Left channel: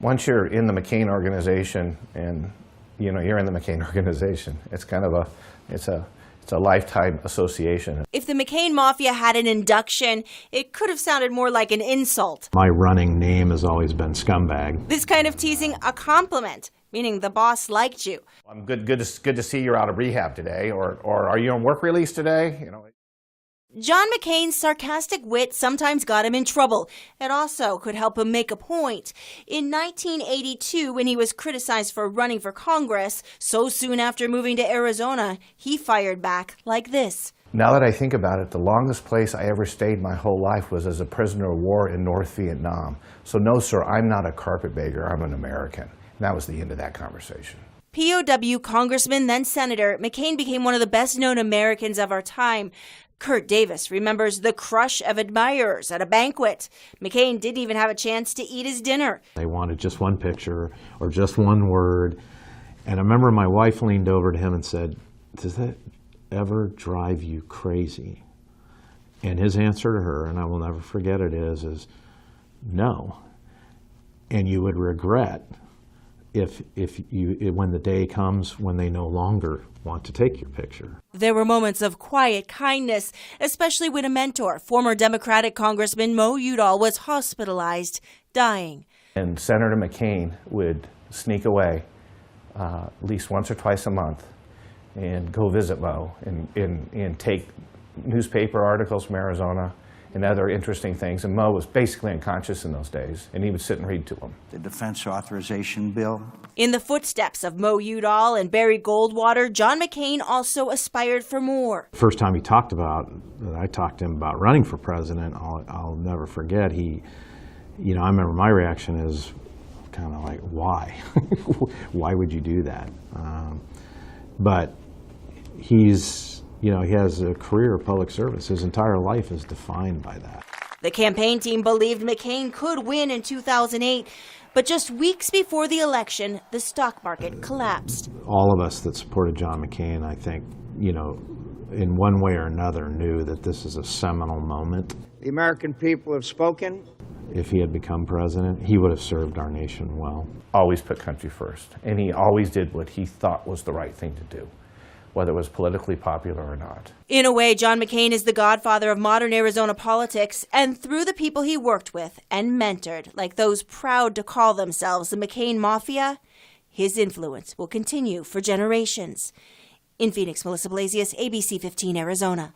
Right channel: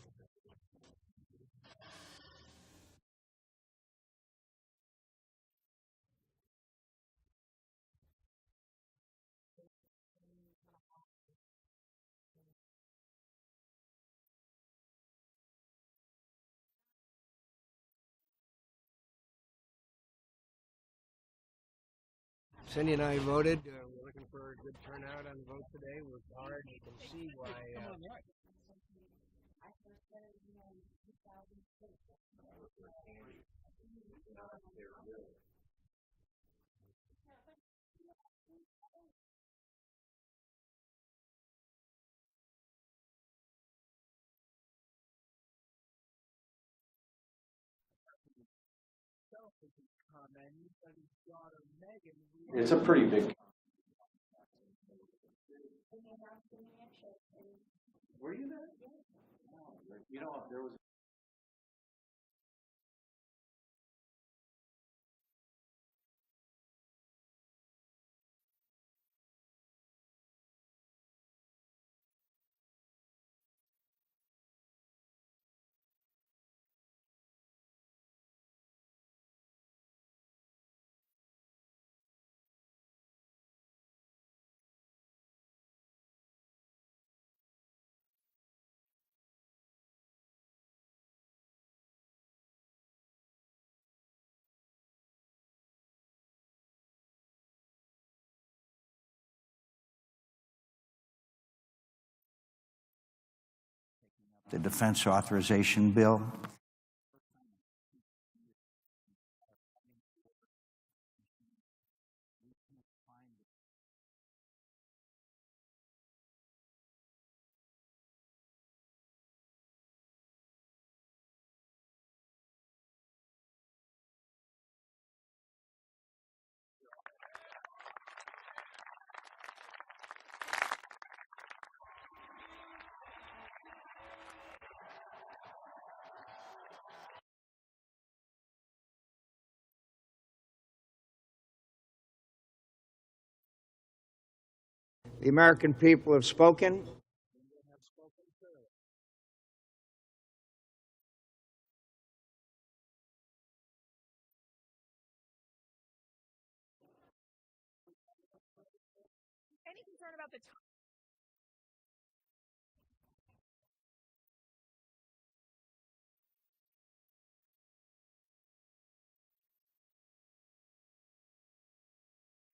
Once you're in the McCain organization, and you're in the McCain organization, it's kind of it's a lifetime association. If the McCain Mafia had an induction, it could have sounded more like an insult. My running name has always been Scumbag. This kind of teasing a compliment, meaning the boss liked you. I'm good to see you're out of rehab today, or are you on work release today? Cindy and I voted. John McCain's sarcastic wit sometimes got him in trouble. It also could help him make a point. In 1982, when he was criticized for running for Congress, so soon after moving to Arizona, he fired back like this. Now that I think about it, the longest place I ever stayed my whole life was as a prisoner of war in North Vietnam. So no, sir, I'm not a carpetbagger, I'm an American. And that was the end of that conversation. POW Congressman, then Senator, McCain became one of the best-known Americans of our time. Kurt Davis remembers the crush of admirers at a banquet. McCain didn't even have a chance to eat his dinner. They wanted just one picture or just one word. And I remember my wife leaned over to him and said, "Does that ever drive you crazy?" And his answer to her, and I will never forget it, is no. And you would regret when the day comes when they no longer want to take your picture. There were moments of quiet kindness, especially when a mentor, former Democratic Congressman Mo Udall, was hospitalized, dying. And Senator McCain would sneak away at least once or twice a month and go visit Mo and take newspaper articles from Arizona and other interesting things. And Mo was basically unconscious in those days, and he would sit and read to him. The defense authorization bill. In the footsteps of Mo Udall and Barry Goldwater, John McCain also aspired for more. First time I talked to him about running for president, I'll never forget. I remember my reaction is kind of like, why? Why would you do that? But he has a career of public service. His entire life is defined by that. The campaign team believed McCain could win in 2008, but just weeks before the election, the stock market collapsed. All of us that supported John McCain, I think, in one way or another knew that this is a seminal moment. The American people have spoken. If he had become president, he would have served our nation well. Always put country first, and he always did what he thought was the right thing to do, whether it was politically popular or not. In a way, John McCain is the godfather of modern Arizona politics, and through the people he worked with and mentored, like those proud to call themselves the McCain Mafia, his influence will continue for generations. In Phoenix, Melissa Blasius, ABC 15, Arizona.